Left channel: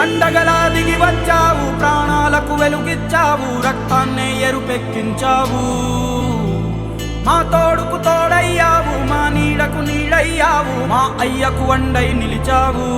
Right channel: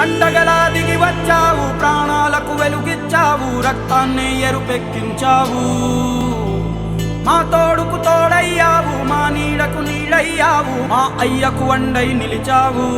పండగలా దిగి వచ్చావు, ప్రాణాలకు వెలుగిచ్చావు, రక్తాన్నే ఎరుపెక్కించావు. మా తోడుకు తోడయ్యావు, మా నీడకు నీడయ్యావు, మా అయ్యకు వండై నిలిచావు.